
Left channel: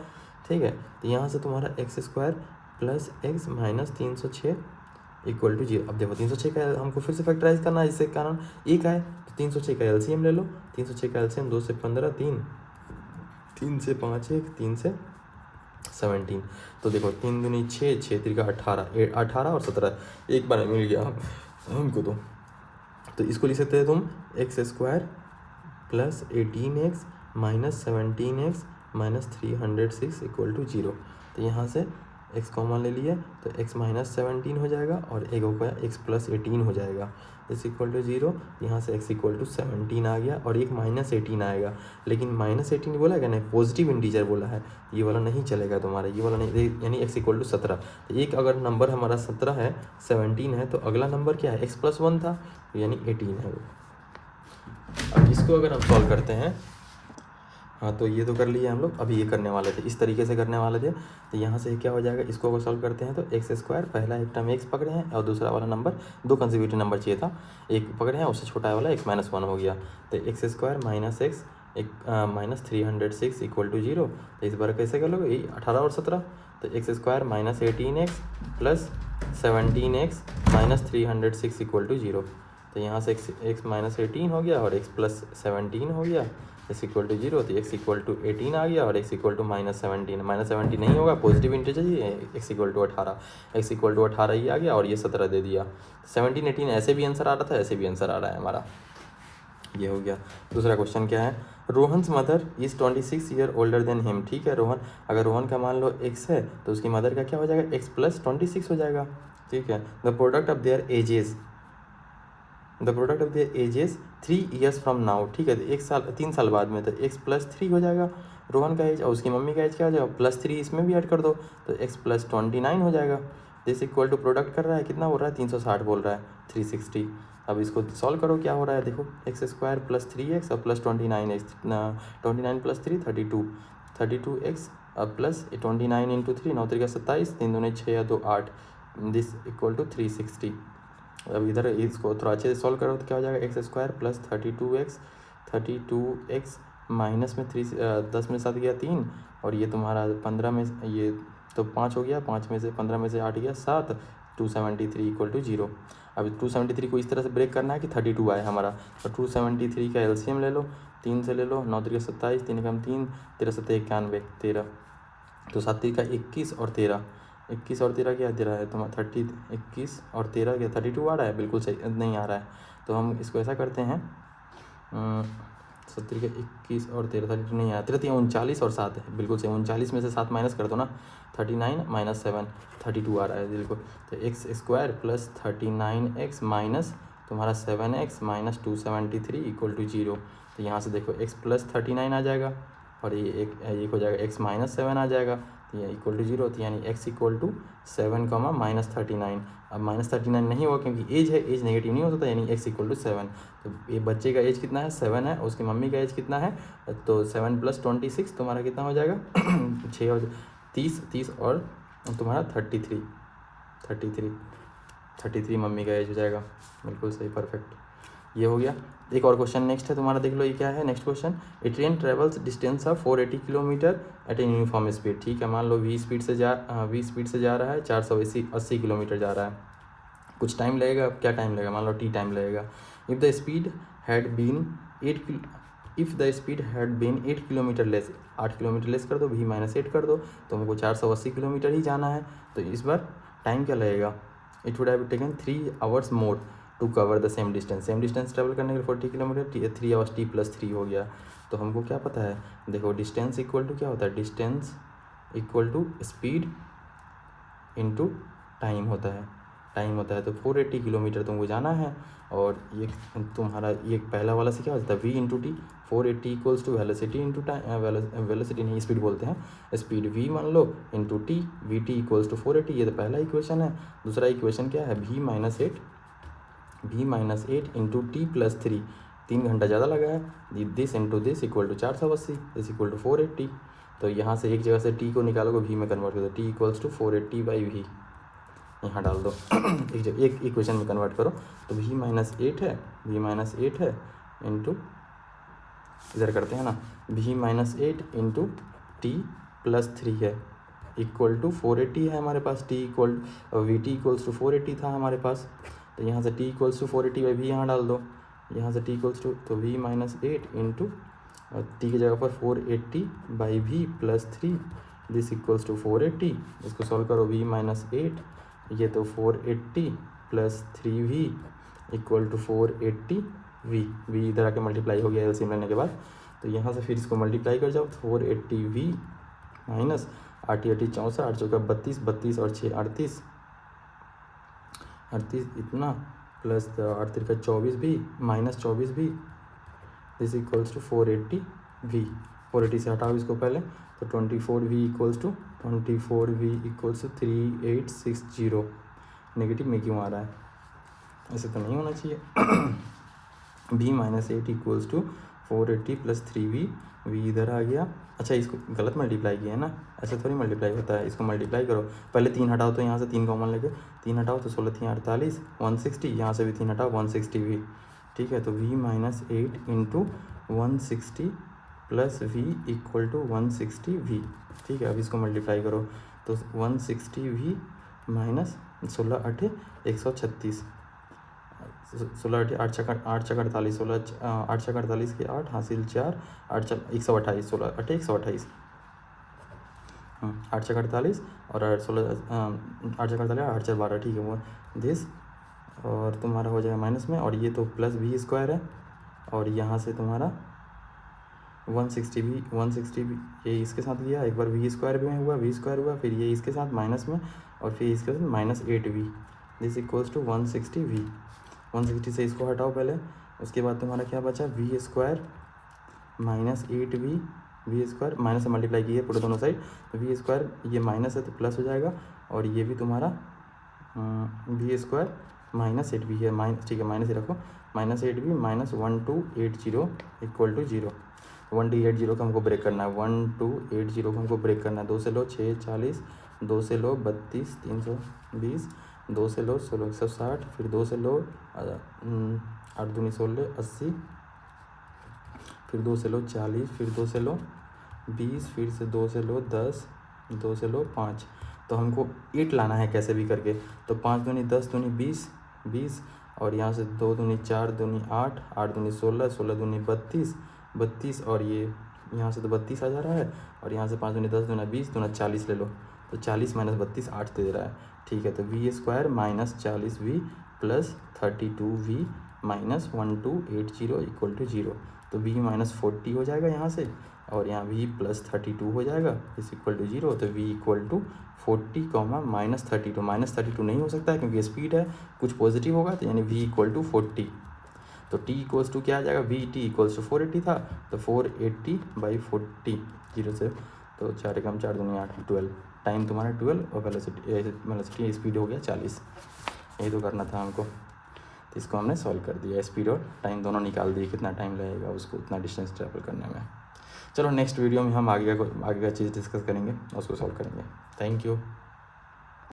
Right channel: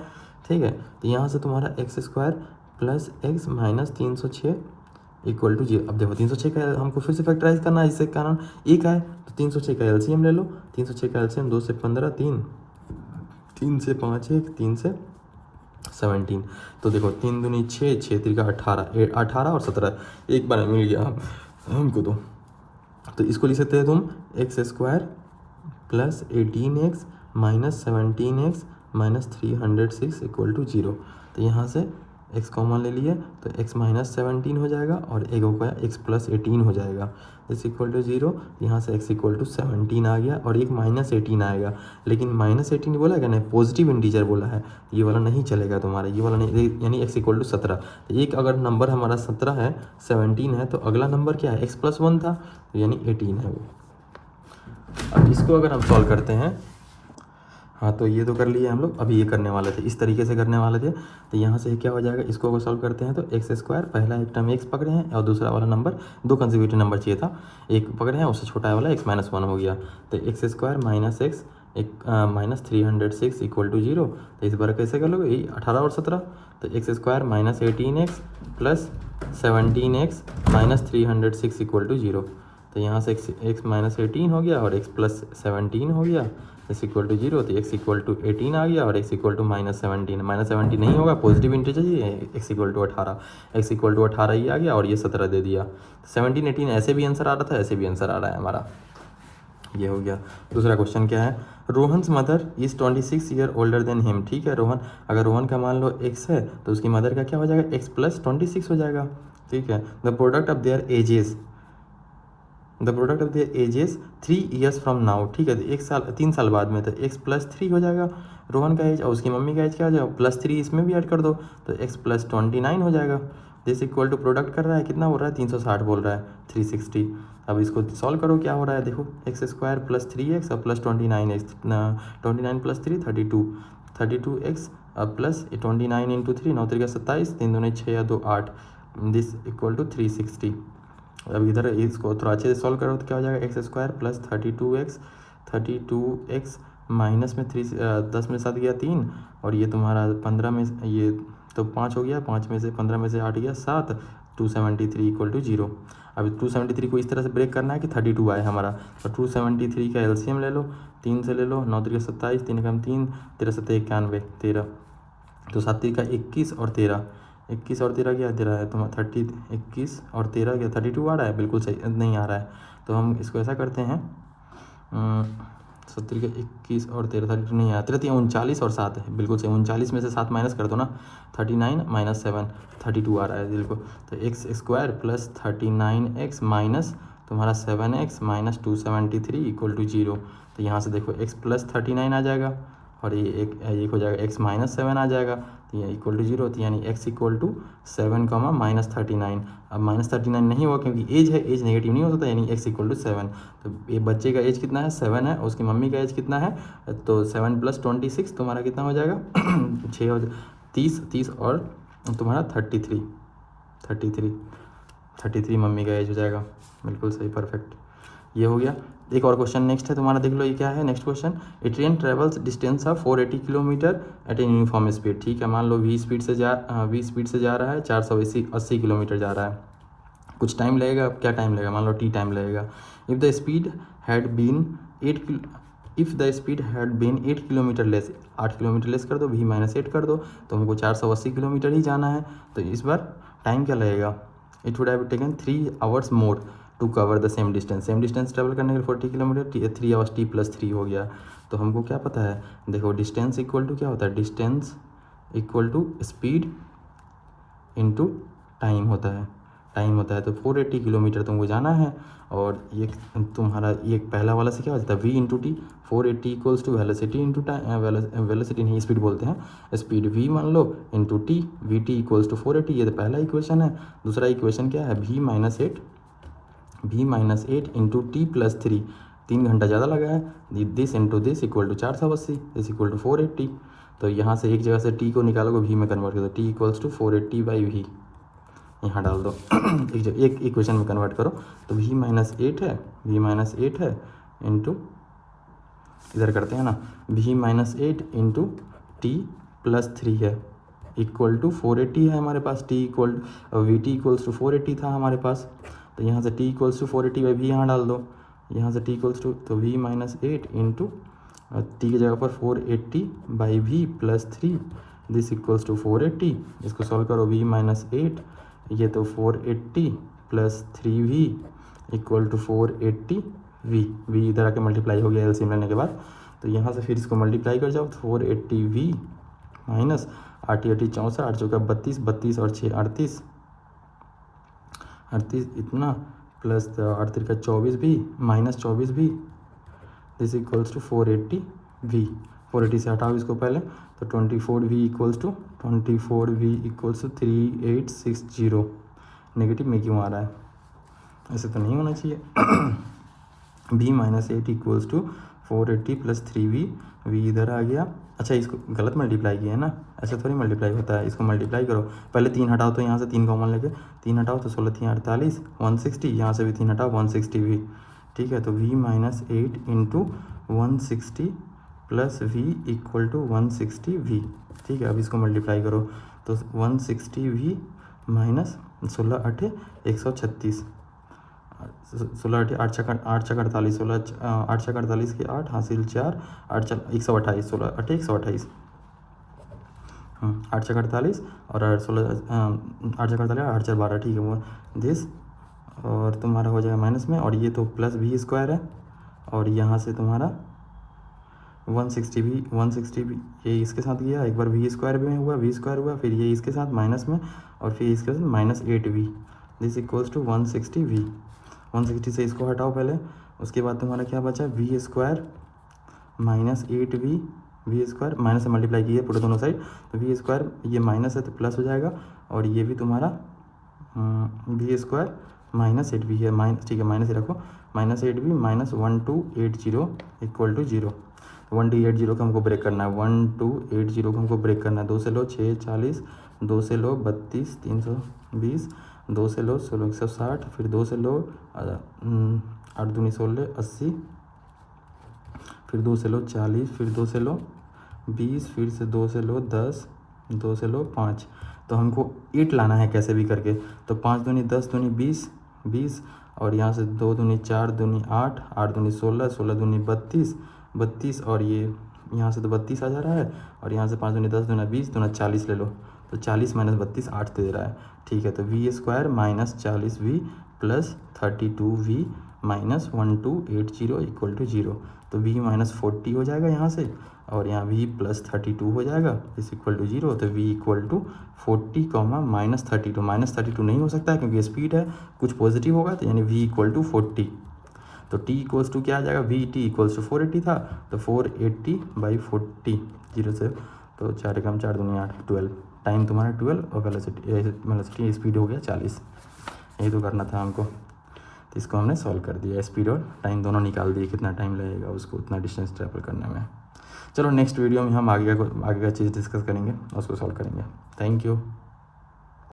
ठीक है। तो यहाँ से तुम्हारा x square plus x minus 306 equal to 0। अब देखो 306 का हमको फिर से फैक्टराइज करना है, इससे कारण एक है तो 306 का एलसीएम ले लो। 306 का एलसीएम 2 से 15, 3 से 5 1, 3 से 17। तो देखो 3 दूनी 6, 6 3 का 18 और 17 एक बार मिल गया हमको। तो इसको लिख सकते हैं तुम x square plus 18x minus 17x minus 306 equal to 0। तो यहाँ से x कॉमन ले लिए तो x माइनस 17 हो जाएगा और एक होगा x प्लस 18 हो जाएगा, इस इक्वल टू 0। यहाँ से x इक्वल टू 17 आ गया और एक माइनस 18 आएगा, लेकिन माइनस 18 बोला है नहीं, पॉजिटिव इंटीजर बोला है, ये वाला नहीं चलेगा तुम्हारा, ये वाला नहीं, यानी x इक्वल टू 17। एक अगर नंबर हमारा 17 है, 17 है, तो अगला नंबर क्या है, x प्लस 1 था, यानी 18 है वो। इसको अगर हम सॉल्व करते हैं, हाँ तो ये तो कर लिए हम लोग, अभी ये करने वाले थे, इस तरीके से करने वाले थे। तो यहाँ से क्या हो जाएगा, इसको अगर सॉल्व करते हैं तो एक्स स्क्वायर, पहला एक टर्म एक्स पकड़े हैं और दूसरा वाला नंबर, दो कंसेक्यूटिव नंबर चाहिए था, एक पकड़े हैं, उससे छोटा वाला एक्स माइनस 1 हो गया। तो एक्स स्क्वायर माइनस एक्स एक माइनस 306 इक्वल टू 0। तो इस बार कैसे कर लोगे, यही 18 और 17। तो x square minus 18x plus 17x minus 306 equal to 0। तो यहाँ से x माइनस 18 हो गया और x प्लस 17 हो गया, x इक्वल टू 0। तो x इक्वल टू 18 आ गया और x equal to minus 17, minus 17 नहीं होगा, पॉजिटिव इंटीजर चाहिए, x equal to 18, x equal to 18 ही आ गया और ये 17 दे दिया। 17 18 ऐसे भी आंसर आ रहा था, ऐसे भी आंसर आ रहा है हमारा, ये हो गया। दूसरा क्वेश्चन क्या है, Rohan's mother is 26 year older than him. ठीक है, रोहन, अगर रोहन का मान लो x है तो उसकी मदर का क्या हो जाएगा, x प्लस 26 हो जाएगा। ठीक है, the product of their edges, the product of their edges 3 years from now. ठीक है, तो 3 साल बाद में, तो x प्लस 3 हो जाएगा रोहन का एज, और उसकी मम्मी का एज क्या हो जाएगा, प्लस 3 इसमें भी ऐड कर दो तो x प्लस 29 हो जाएगा। दिस इक्वल टू प्रोडक्ट कर रहा है, कितना हो रहा है, 360 बोल रहा है, 360। अब इसको सॉल्व करो, क्या हो रहा है, देखो एक्स स्क्वायर प्लस 3x और plus 29x, 29 plus 3 32, 32x plus 29 into 3, 9 3 27, 3 दूनी 6 या 2 8, दिस इक्वल टू 360। अब इधर इसको थोड़ा अच्छे से सॉल्व करो तो क्या हो जाएगा, x square plus 32x minus में 3 10 में 7 गया 3, और ये तुम्हारा 15 में ये तो 5 हो गया, 5 में से 15 में से 8 गया 7, 273 इक्वल टू 0। अब 273 को इस तरह से ब्रेक करना है कि 32 आए हमारा, तो 273 का एलसीएम ले लो, 3 से ले लो, 9 3 27, 3 कम 3, 13 7 91, 13, तो 7 का 21 और 13, 21 और 13 क्या 13 है, तो 30, 21 और 13 क्या 32 आ रहा है, बिल्कुल सही नहीं आ रहा है। तो हम इसको ऐसा करते हैं, 70 का 21 और 13, 32 नहीं आया, 39 और 7 है, बिल्कुल सही, 39 में से 7 माइनस कर दो ना, 39 माइनस 7 32 आ रहा है बिल्कुल। तो x square plus 39x minus तुम्हारा 7x माइनस 273 इक्वल टू 0। तो यहाँ से देखो x प्लस 39 आ जाएगा और ये एक हो जाएगा x माइनस 7 आ जाएगा, ये इक्वल टू 0 होती है, यानी x इक्वल टू 7 कॉमा -39। अब -39 नहीं हुआ क्योंकि एज है, एज नेगेटिव नहीं हो सकता, यानी x इक्वल टू 7। तो ये बच्चे का एज कितना है, 7 है, उसकी मम्मी का एज कितना है, तो 7 + 26 तुम्हारा कितना हो जाएगा 6 और 30 और तुम्हारा 33 मम्मी का एज हो जाएगा। बिल्कुल सही, परफेक्ट, ये हो गया। एक और क्वेश्चन नेक्स्ट है तुम्हारा, देख लो ये क्या है। Next question, a train travels distance of 480 kilometre at a uniform speed. ठीक है, मान लो v स्पीड से जा रहा है, 480 किलोमीटर जा रहा है। कुछ टाइम लगेगा, क्या टाइम लगेगा, मान लो t टाइम लगेगा। If the speed had been 8 kilometre less, 8 kilometre less कर दो, v - 8 कर दो, तो हमको 480 किलोमीटर ही जाना है। तो इस बार टाइम क्या लगेगा, it would have taken 3 hours more to cover the same distance travel करने के लिए 40 किलोमीटर, 3 आवर्स t + 3 हो गया। तो हमको क्या पता है, देखो डिस्टेंस इक्वल टू क्या होता है, distance equal to speed into time होता है। तो 480 किलोमीटर तुमको जाना है, और ये तुम्हारा ये पहला वाला से क्या होता है, v × t, 480 equals to velocity into time, velocity नहीं स्पीड बोलते हैं, स्पीड v मान लो into t, vt equals to 480। ये तो पहला इक्वेशन है। दूसरा इक्वेशन क्या है, v - 8 इंटू t + 3, 3 घंटा ज़्यादा लगा है, this into this equal to 480, this equal to 480। तो यहाँ से एक जगह से t को निकालोगे, v में कन्वर्ट कर दो, t इक्वल्स टू 480/v, यहाँ डाल दो एक इक्वेशन में कन्वर्ट करो, तो v - 8 है इंटू, इधर करते हैं ना, v - 8 इंटू t + 3 है इक्वल टू 480 है हमारे पास, t equal vt equals to 480 था हमारे पास। तो यहाँ से t इक्वल्स टू 480/v यहाँ डाल दो, यहाँ से t इक्वल्स टू, तो v - 8 इंटू t की जगह पर 480/v + 3, दिस इक्वल्स टू 480। इसको सॉल्व करो, v - 8, ये तो 480 + 3v equal to 480v, v इधर आके मल्टीप्लाई हो गया एलसीएम लेने के बाद। तो यहाँ से फिर इसको मल्टीप्लाई कर जाओ, 480v माइनस 8 × 8 = 64, 8 × 32, 32 और 6 38 इतना, plus 8 × 3 = 24v minus 24v, this equals to 480v। 480 से हटाओ इसको पहले, तो 24v इक्वल्स टू 3860। नेगेटिव में क्यों आ रहा है, ऐसे तो नहीं होना चाहिए। v - 8 equals to 480 + 3v, v इधर आ गया। अच्छा, इसको गलत मल्टीप्लाई किया है ना, ऐसा थोड़ी मल्टीप्लाई होता है, इसको मल्टीप्लाई करो, पहले 3 हटाओ, तो यहाँ से 3 कॉमन लेके 3 हटाओ, तो 16 × 3 = 48, 160, यहाँ से भी 3 हटाओ, 160v। ठीक है, तो v - 8 into 160 + v equal to 160v। ठीक है, अब इसको मल्टीप्लाई करो, तो 160v माइनस 16 × 8 = 136, 16 × 8 = 8 × 48, 16 8 × 48 के 8 हासिल 4, 8 × 128, 16 × 8 = 128, 8 × 48 और 16 8 × 48 8 × 12, ठीक है, वो दिस, और तुम्हारा हो जाएगा माइनस में, और ये तो प्लस v² है, और यहाँ से तुम्हारा 160v ये इसके साथ गया, एक बार v² में हुआ, फिर ये इसके साथ माइनस में, और फिर इसके साथ -8v, this equals to 160v। 160 से इसको हटाओ पहले, उसके बाद तुम्हारा क्या बचा, v² - 8v, v² माइनस से मल्टीप्लाई किए पूरे दोनों साइड, तो v² ये माइनस है तो प्लस हो जाएगा, और ये भी तुम्हारा v² - 8v है, माइनस, ठीक है, माइनस ही रखो, -8v - 1280 इक्वल टू 0। 1280 को हमको ब्रेक करना है, 1280 को हमको ब्रेक करना है, 2 से लो 6 40, 2 से लो 32 320, 2 से लो 16 160, फिर 2 से लो 8 दूनी 16 80, फिर 2 से लो 40, फिर 2 से लो 20, फिर से 2 से लो 10, 2 से लो 5। तो हमको 8 लाना है कैसे भी करके, तो 5 दूनी 10 दूनी 20, और यहाँ से 2 दूनी 4 दूनी 8, 8 दूनी 16, 16 दूनी 32, और ये यहाँ से तो 32 आ जा रहा है, और यहाँ से 5 दूनी 10 दूना 20 दूना 40 ले लो, तो 40 - 32 8 दे रहा है। ठीक है, तो v² - 40v + 32v - 1280 equal to 0। तो v - 40 हो जाएगा यहाँ से, और यहाँ v + 32 हो जाएगा, इस इक्वल टू 0। तो v इक्वल टू 40, -32, -32 नहीं हो सकता क्योंकि स्पीड है, कुछ पॉजिटिव होगा, तो यानी v इक्वल टू 40। तो t इक्वल्स टू क्या आ जाएगा, vt इक्वल्स टू 480 था, तो 480/40, 0 से तो 4 एकम 4 दूनी 8, 12, टाइम तुम्हारा 12 और वेलोसिटी स्पीड हो गया 40। यही तो करना था हमको, तो इसको हमने सॉल्व कर दिया। स्पीड और टाइम दोनों निकाल दिए, कितना टाइम लगेगा उसको उतना डिस्टेंस ट्रेवल करने में। चलो नेक्स्ट वीडियो में हम आगे का चीज़ डिस्कस करेंगे, उसको सॉल्व करेंगे। Thank you.